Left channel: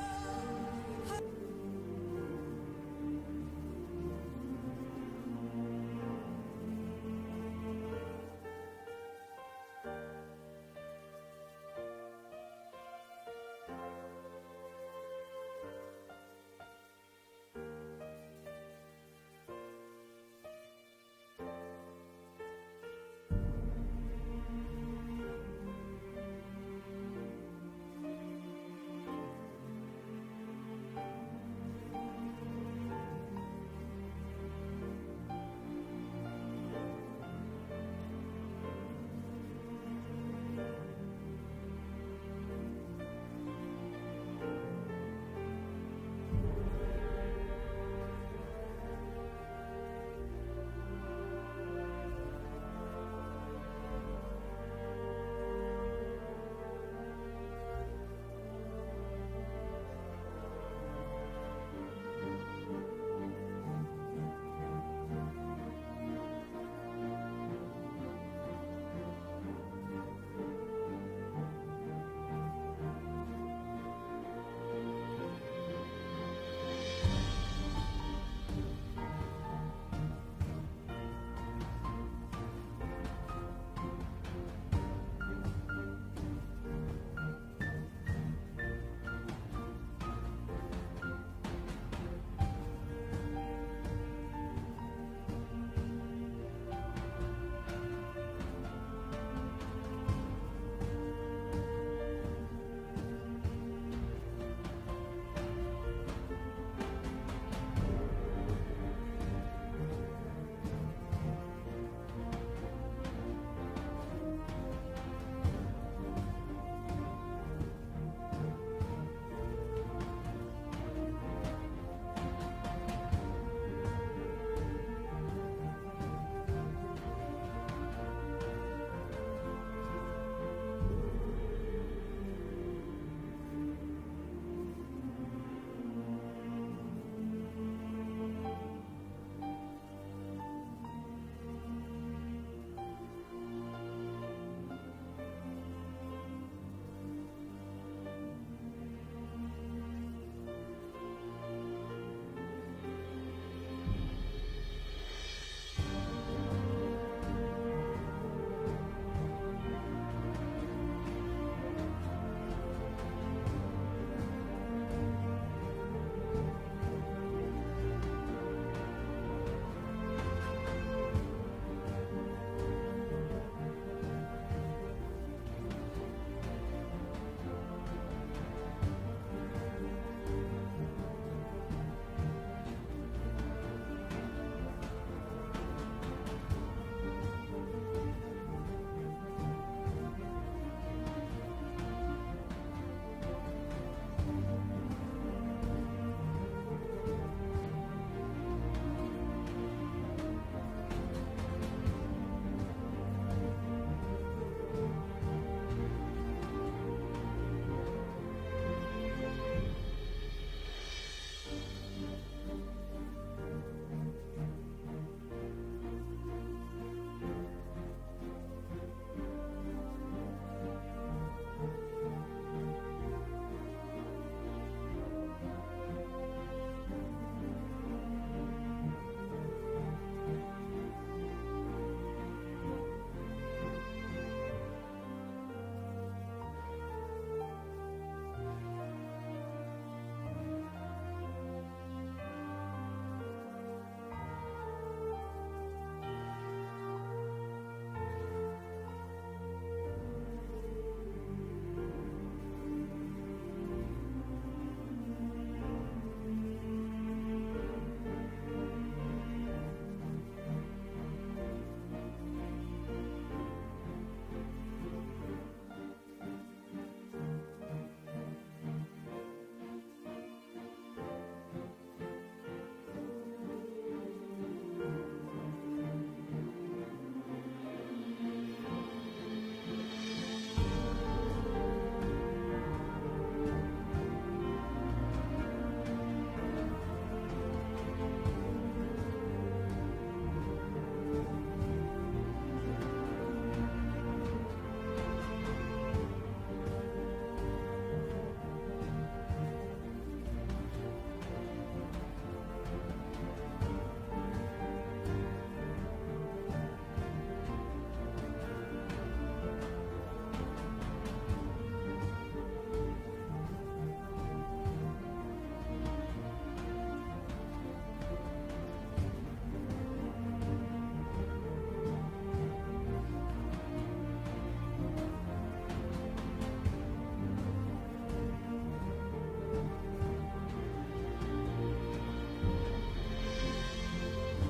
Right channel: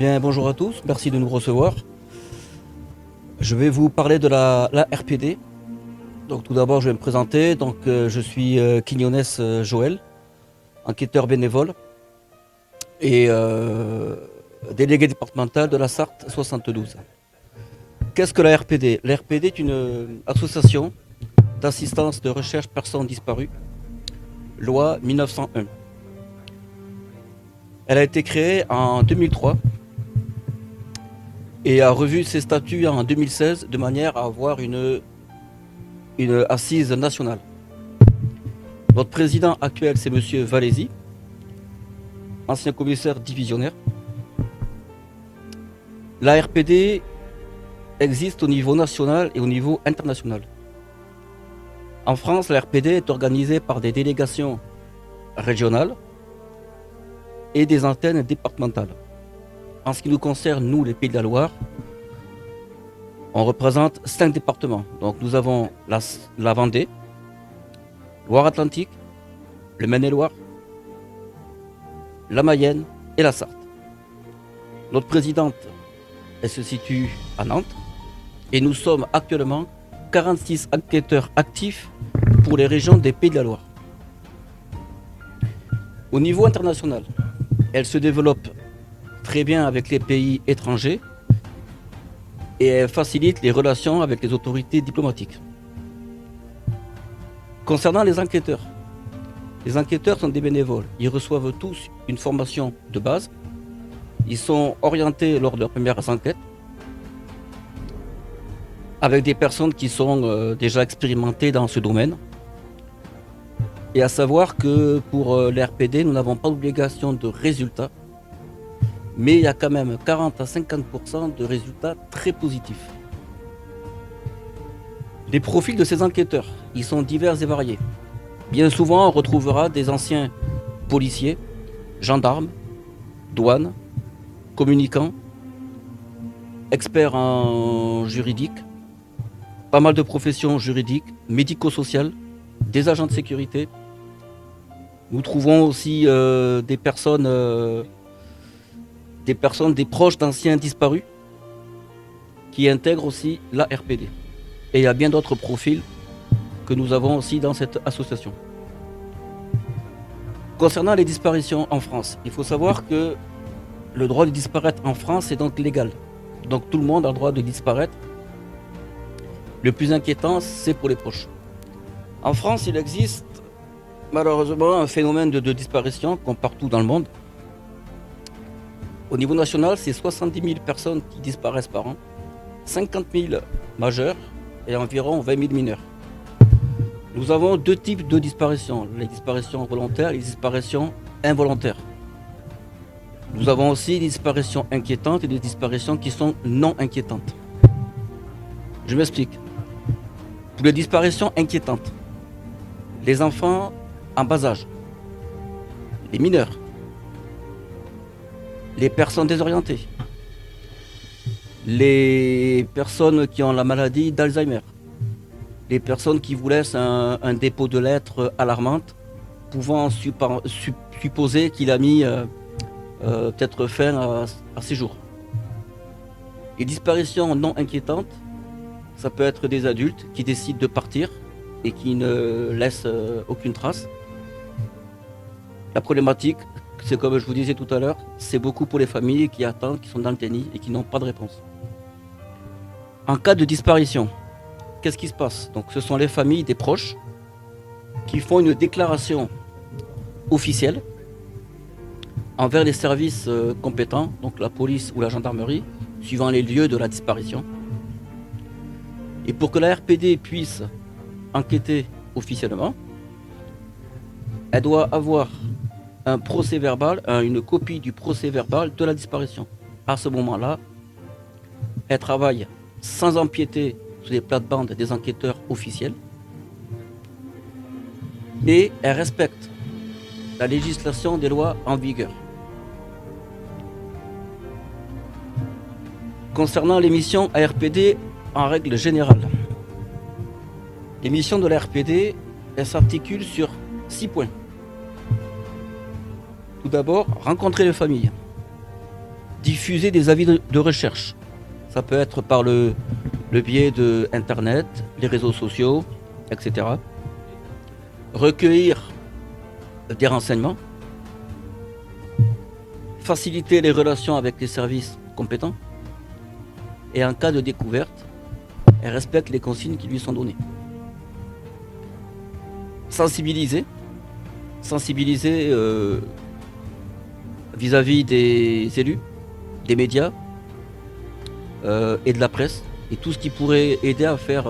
Bien, bonjour à tous, merci de nous recevoir. Je vais vous parler de la RPD. Donc, tout d'abord, je vais me présenter. Je suis Quignonès Joël, enquêteur bénévole et délégué départemental de la Sarthe 72. Qu'est-ce que la RPD? La RPD est une association d'assistance de recherche personnes disparues, loi 1901. Elle a été créée en 2003 et a revu ses statuts en 2016 de manière à avoir une assise nationale. Notre président actuel, c'est Monsieur Valézy, ancien commissaire divisionnaire. La RPD existe au niveau national et au niveau international. En France, la RPD est organisée par des délégations régionales et des antennes départementales. En ce qui nous concerne, nous, les Pays de la Loire, on représente 5 départements. Donc nous avons la Vendée, Loire-Atlantique, le Maine-et-Loire, la Mayenne et la Sarthe. Notre présidente, elle se situe à Nantes et nous sommes actuellement 46 enquêteurs actifs pour les régions des Pays de la Loire. Au niveau international, elle se développe très bien avec les pays étrangers et elle facilite les relations avec les autorités diplomatiques. Concernant les enquêteurs sont des bénévoles. Ils reçoivent tous une formation de base. Ils sont orientés lors de leurs premières enquêtes avec des personnes qui sont déjà expérimentées dans ce domaine. Et à savoir que pour l'RPD, nous n'avons pas d'obligation de résultats, mais il y a quand même 40 à 50% de résultats très positifs. Les profils de ces enquêteurs, ils sont divers et variés. Bien souvent, on retrouvera des anciens policiers, gendarmes, douanes, communicants, experts en juridique, pas mal de professions juridiques, médico-sociales, des agents de sécurité. Nous trouvons aussi des proches d'anciens disparus qui intègrent aussi la RPD. Et il y a bien d'autres profils que nous avons aussi dans cette association. Concernant les disparitions en France, il faut savoir que le droit de disparaître en France est donc légal. Donc tout le monde a le droit de disparaître. Le plus inquiétant, c'est pour les proches. En France, il existe malheureusement un phénomène de disparition comme partout dans le monde. Au niveau national, c'est 70 000 personnes qui disparaissent par an, 50 000 majeurs et environ 20 000 mineurs. Nous avons deux types de disparitions, les disparitions volontaires et les disparitions involontaires. Nous avons aussi des disparitions inquiétantes et des disparitions qui sont non inquiétantes. Je m'explique. Pour les disparitions inquiétantes, les enfants en bas âge, les mineurs, les personnes désorientées, les personnes qui ont la maladie d'Alzheimer, les personnes qui vous laissent un dépôt de lettres alarmante, pouvant supposer qu'il a mis peut-être fin à ses jours. Les disparitions non inquiétantes, ça peut être des adultes qui décident de partir et qui ne laissent aucune trace. La problématique, c'est comme je vous disais tout à l'heure, c'est beaucoup pour les familles qui attendent, qui sont dans le déni et qui n'ont pas de réponse. En cas de disparition, qu'est-ce qui se passe? Donc, ce sont les familles des proches qui font une déclaration officielle envers les services compétents, donc la police ou la gendarmerie, suivant les lieux de la disparition. Et pour que la RPD puisse enquêter officiellement, elle doit avoir un procès verbal, une copie du procès verbal de la disparition. À ce moment-là, elle travaille sans empiéter sur les plates-bandes des enquêteurs officiels et elle respecte la législation des lois en vigueur. Concernant les missions ARPD en règle générale, les missions de la RPD, elles s'articulent sur 6 points. Tout d'abord, rencontrer les familles. diffuser des avis de recherche. Ça peut être par le biais de Internet, les réseaux sociaux, etc. Recueillir des renseignements, faciliter les relations avec les services compétents et en cas de découverte, elle respecte les consignes qui lui sont données. Sensibiliser vis-à-vis des élus, des médias et de la presse, et tout ce qui pourrait aider à faire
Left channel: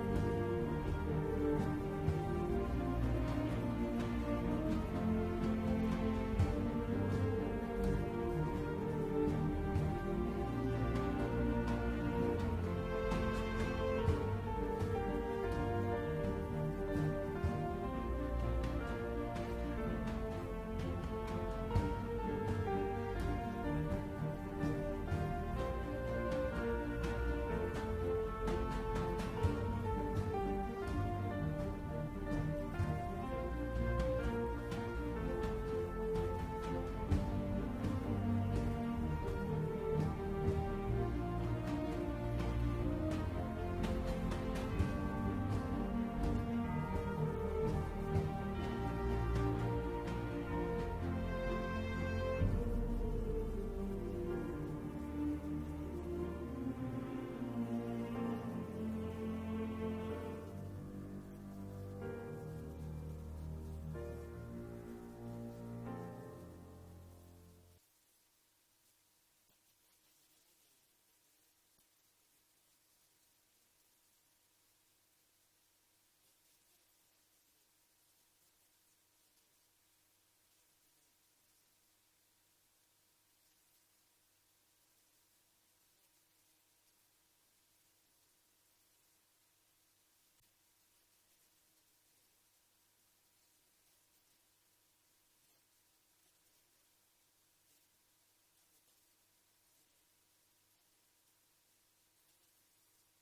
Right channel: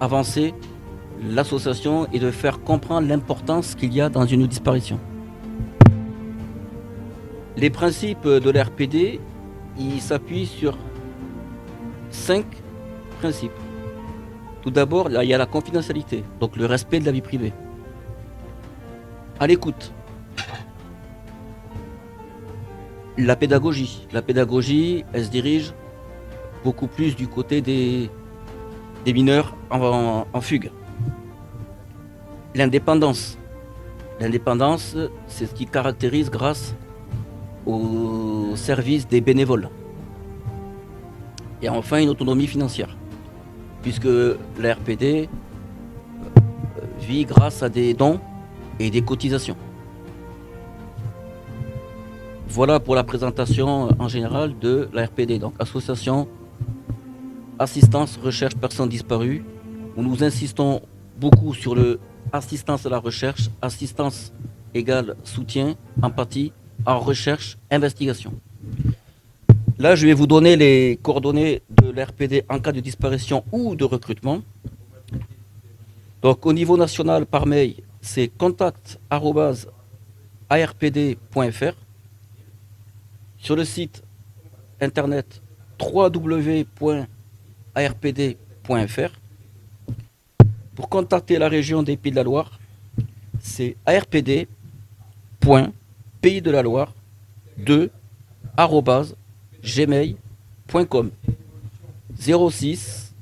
avancer l'association et de faire comprendre l'importance qu'il y a dans une disparition. Les principes de l'RPD, ils s'appuient sur 5 principes. Tout d'abord, il y a la confidentialité, donc le respect de la vie privée. À l'écoute. La pédagogie, elle se dirige beaucoup plus du côté des mineurs en fugue. L'indépendance, c'est ce qui caractérise grâce au service des bénévoles. Et enfin, une autonomie financière, puisque la RPD vit grâce à des dons et des cotisations. Voilà pour la présentation en général de la RPD, donc Association Assistance Recherche Personnes Disparues, où nous insistons beaucoup sur le assistance à la recherche, assistance égale soutien, empathie, en recherche, investigation. Là, je vais vous donner les coordonnées de l'RPD en cas de disparition ou de recrutement. Donc, au niveau national, par mail, c'est contact@arpd.fr. Sur le site internet www.arpd.fr. Pour contacter la région des Pays de la Loire, c'est arpd.pays-de-la-Loire2@gmail.com 06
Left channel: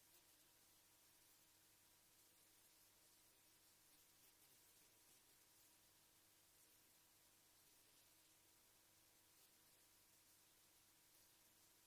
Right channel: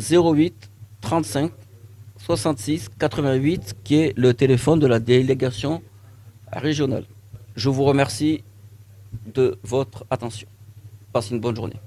08 35 66 88 qui est le téléphone de la délégation régionale. Je vous remercie de votre attention. Passez une bonne journée.